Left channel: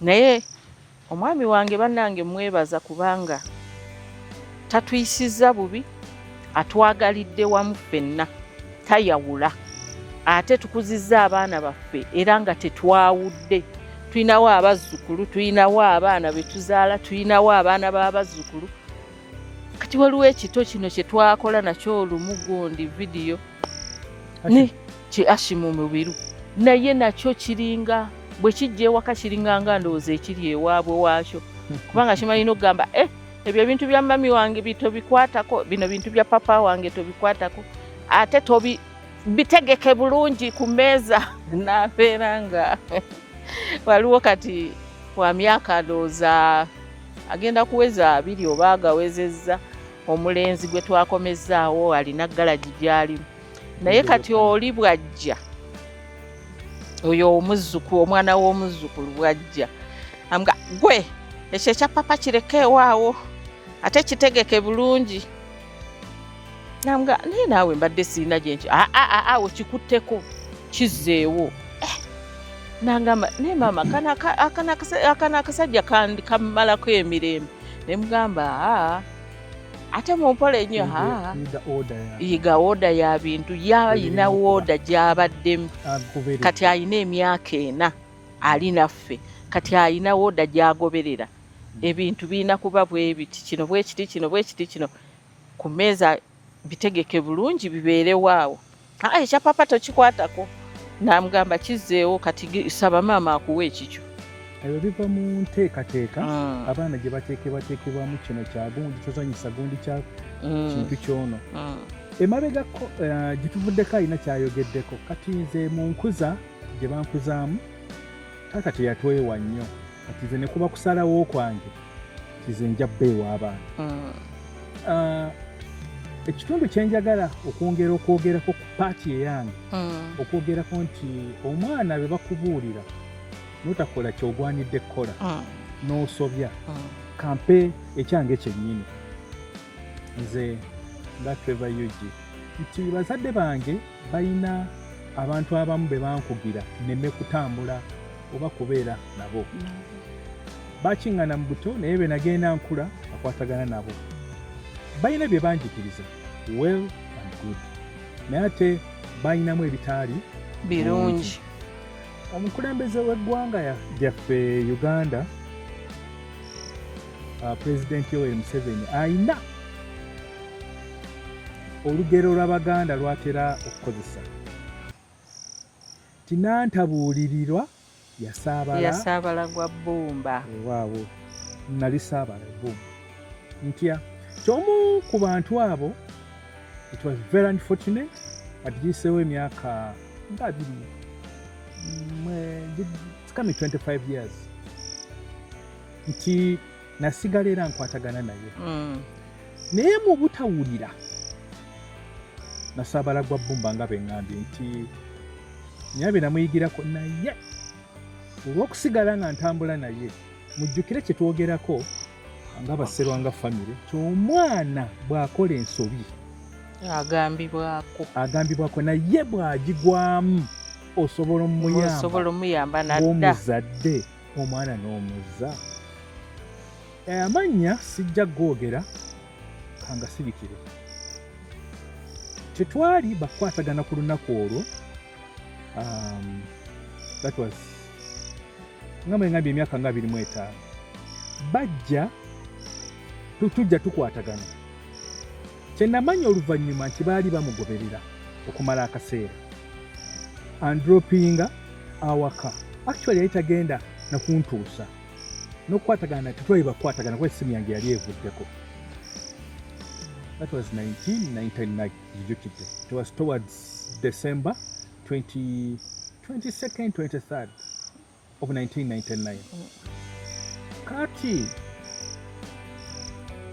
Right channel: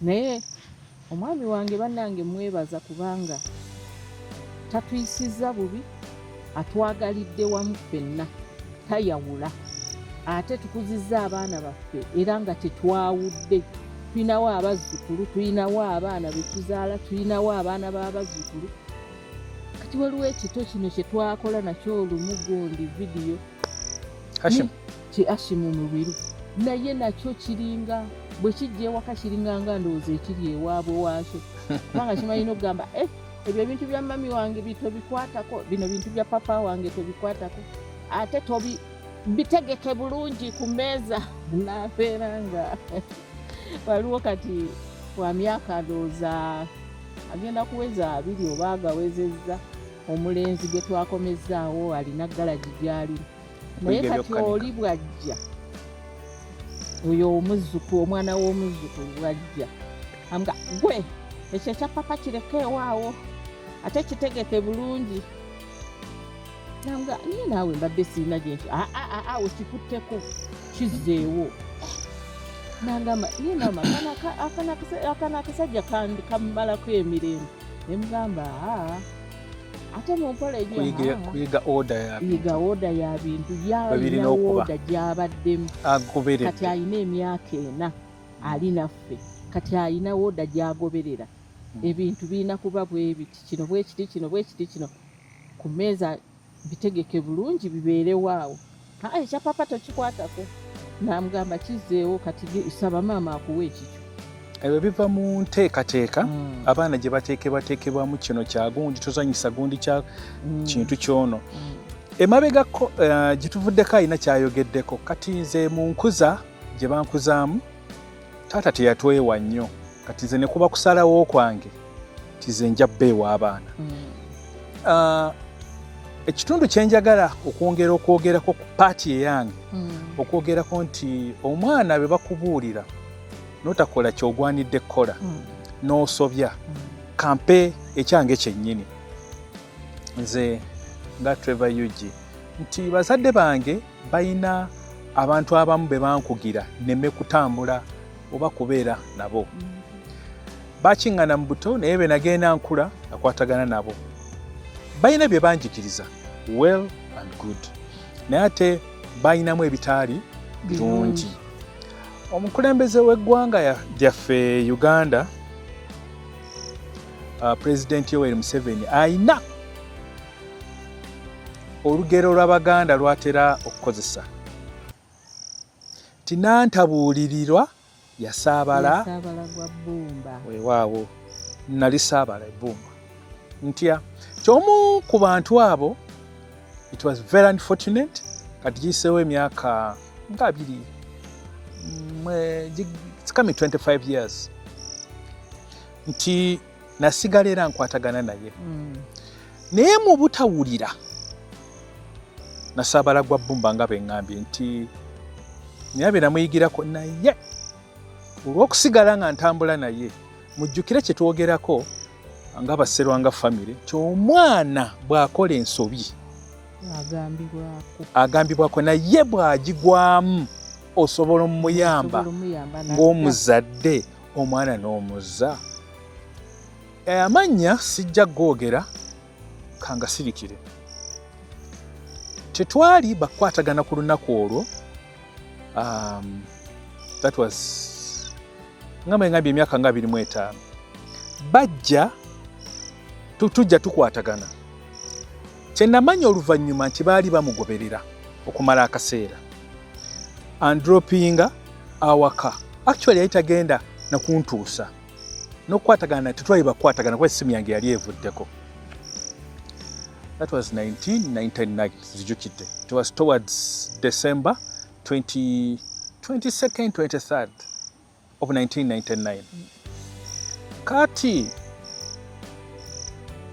naye omwami wange bannange mwebaza kubanga tatuyisiza bubi, atwagalidde wamu ffenna, tayawula. Ate tukuzizza abaana baffe era nga tetwawudde. Tulinawo abazzukulu, tulinawo abaana be tuzaala, tulinawo abaana b'abazzukulu. Kati waliwo ekito kino kye twakola nakyo olumu gundi vidiyo ki Ashimu Mubiru, naye nakyo kiringa bwe kijja ewaka kiringa nga ndowooza ekiri ewaabwe waakyo, kubanga kimalina okugamba ebyo bintu bya mami wange tobikwatako, bino bintu bya papa wange tobikwatako, ate bitegeke bulungi ku mmeeza. N'abeera nga waliwo kati wa myaka ndowooza agenda kuweza 2 oba agawezezza, omulenzi gwe twakomezzaawo alina galagi gy'alimu, naye kati oli bw'ajja oyo omuzzukulu, omwana w'omuzzukulu bw'ajja amuga gwe ekyo ekya papa kireke ewaawo ate kitegeke bulungi. Namuga naye naawe mbadde siina gye nkyo, wekikutteko kizzeewo. Nangamba naye maama akana akasajja kammalako emirembe. Ne mugamba ate mumpola ennyo, yiga oda ya bintu, yalina oda gy'abaddemu. Kati alina emyaka 4 ali naffe, kati alina oda gy'agoberera. Ebintu birina kuba bwe biti, kino bwe kiti, kino bwe kiti, kino ku mmeeza bitegeke bulungi bibeerewaawo. Ekya papa tokikwatako. Namugamba kizzeewo, kati saba maama akuwa ekikyo. Ebyo biva mu nteekateeka abaana gye bateekebwamu kino kya gundi tozanyisa gundi kya kintu kyono. Emabegako gye tuvuddeko alina kyayogeddeko. Kati nze mu nkuza gye bankuzaamu taata teyatwewa nnyo, kati nze ne kuba kusalawo kwange tize nja bbeewa abaana. Ekitundu kye njagala okwogerako ku paati eyange, okwogerako nti omwana be bakubuulira n'otakola ky'ogwanidde kukola, n'osobya kampe ekyange kyennyini. Nze nga Trevor Yugi nti bazadde bange balina abantu abamu be bankugira nneme kutambula oba kubeera nabo. Bakiŋŋana mu buto naye be nagenda nkula nakwatagana nabo. Balina bye banjigiriza well and good, naye ate balinamu ebitaali birungi. Omukulembeze w'eggwanga lyaffe Uganda, Pulezidenti Yoweri Museveni ayina olugero lw'Abaganda lw'atera okukozesa. Tinantabuulirirwa yasaabala gwa bbumba. Waawo nali saabala ebbumba. Ntya ky'omu ku bantu abo, it was very unfortunate, kati giyiseewo emyaka nga 2, it's coming 25 years, nti nasigala era nkwatagana naye. Naye mu butawulira nasaabala gwa bbumba nga beŋŋambye nti naye namuyigirako, naye olw'okusigala nga ntambula naye mujjukire kye twogerako nga Basserwanga family, ky'omwana bw'akola ensobi agambibwako, naye bw'agigwamu osobola omuyamba ng'omuzadde omwana n'omuzza. Amannya sijja googera kanga sirikire. Tetwali bakwatagana ku lunaku olwo, that was ngambye emyaka nga 25. Bajja tujja tukwatagana. Kye namanya oluvannyuma nti baali bamugoberera okumala akaseera, andropinga awaka. Actually yali tagenda nakuntuusa n'okukwatagana, tetwali bakwatagana kuba essimu yange yali evuddeko. That was 1999, zijjukidde. It was towards December 22nd, 23rd of 1999. Kati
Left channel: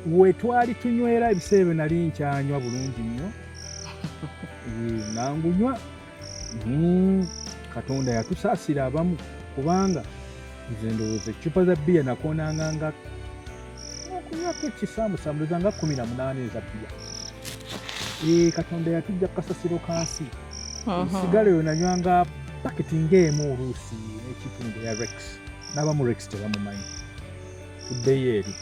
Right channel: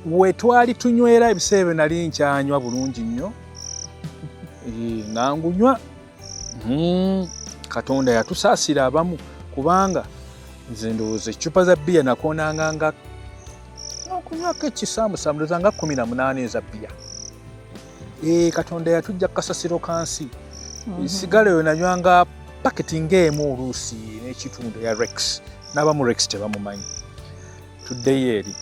we twali tunywera ebiseera nali nkyanywa bulungi nnyo, nangunywa. Katonda yatusaasira abamu, kubanga nze ndowooza ecupa za bbiya nakoonanga okunywako ekisaamusaamu ndowooza nga 18 eza bbiya. Katonda yatujja kasasiro kansi. Sigala eyo nanywanga paketi ng'emu oluusi n'ekitundu ya Rex n'abamu Rex tebamumanyi tuddeyo eri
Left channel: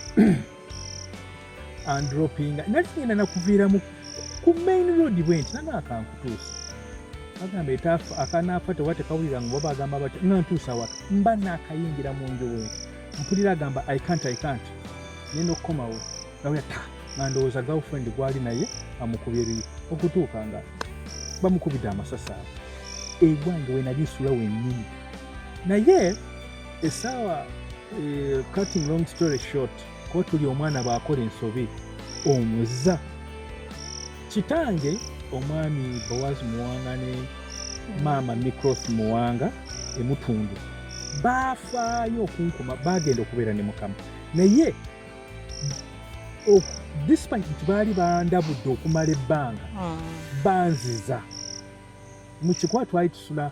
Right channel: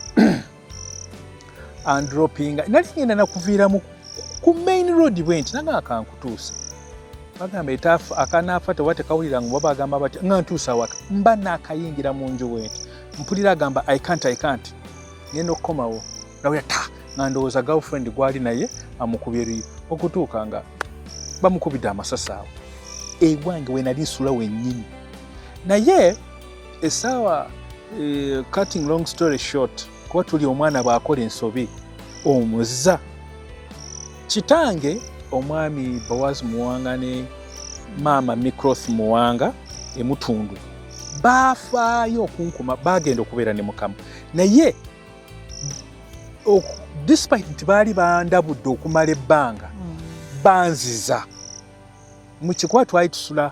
andropinga nali ngenda nakuviiramu ku main road bwenti nanga akankutuusa bagamba akanaafa tewa tekawulira ngo babagamba bati nga ntuusa waka mba naakayingira mu nju bwenti mpulira agamba I can't ngenda okukomawo nawulira nga ndowooza girlfriend gwali naye amukubye eri okutuuka nga bamukubidde amasasi awo ewange we nali nsula wennyini naye essaawa cutting long story short kuba tuli omwana bw'akola ensobi omuzza kitange omwami Boaz Muwanga ne maama Mikroth Muwanga emutundu baafaayo okunkuma bagenda okubeera ne Mukama naye despite nti baali bandabudde okumala ebbanga banziza mu kikuba twali tusula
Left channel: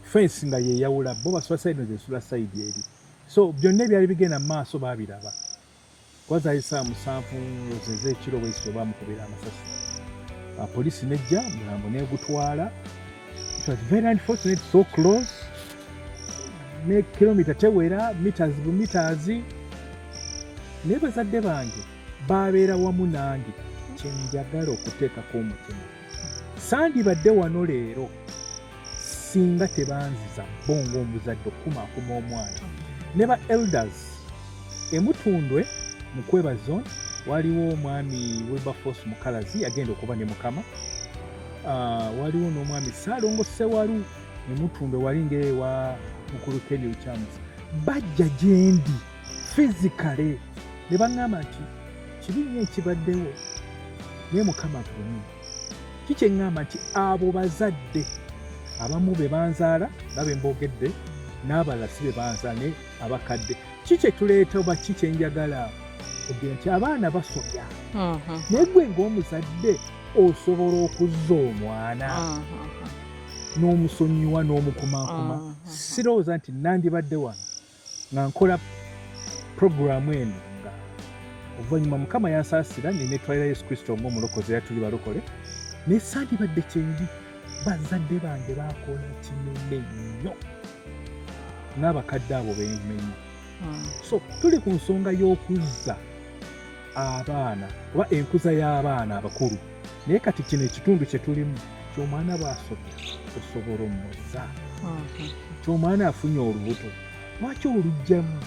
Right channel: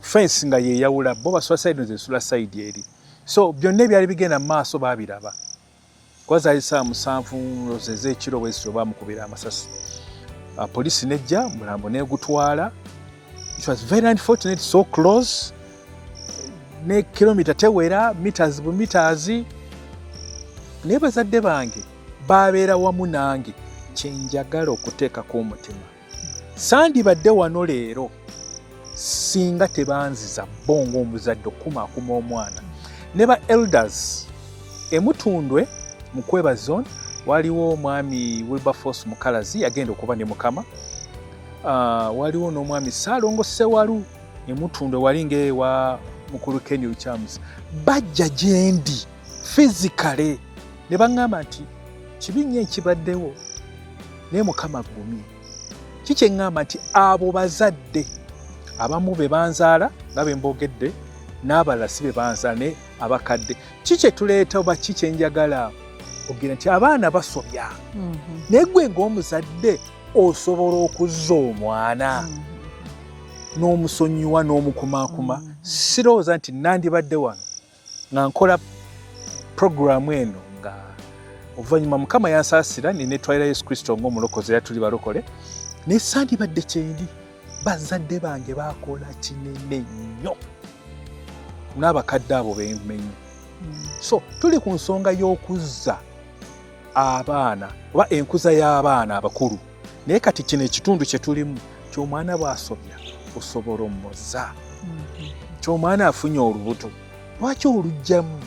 fensi nga yeeyawula bo basula side zesula side eri so byonna ebyali bigenda mu maaso baabiraba kuba zaali saa 7 ez'ekiro bwezityo baamukubira amasasi poliisi nejja mulambo negutwala it was very unfortunate so close ne kilomita tewera meters bu meters naye bazadde bange babeera wamu nange kyenjagala okuteekako omutima sandibadde wano leero singa tebanziza bongo omuzadde okukumaakuma omwana ne ba elders emutundwe mu Kweba zone waliwo omwami Wilberforce Mukalazi yagenda okuba ne Mukama waliwo n'omwami Saalongo Ssewalu emutundwe wali ngaewa mukulu Kenny Lukyamuz bajja gyendi physically ne baŋŋamba nti kibi nnyo ekibaddewo naye Mukama gumi kikyeŋŋamba nti abo bazadde abamu be banzaala nga be mbogedde n'abalala si be banzaala ne abakadde kikye tuleeta oba kikyenjagala ogenda nti abaana basobya naye gwe ng'omuzadde osobola okuzza omwana n'omusonyiwa n'omukumaakuma sirowooza nti nandibadde wano nga nkola puroguramu eno nga oluvannyuma Mukama yansaasira nenetwalira Yesu Kristo ng'omulokozi era tuli balokole naye sandibadde kyendi bazadde bange bakola kinene nnyo n'abakadde abo bemenye so tuli ku nsonga y'okuzza abaana oba enkuza y'abaana abakulu naye kati kino ekitundu kye tulimu ky'omwana bw'asobya osobola omuzza ky'omwana afunye olubuto lwaki olugjamu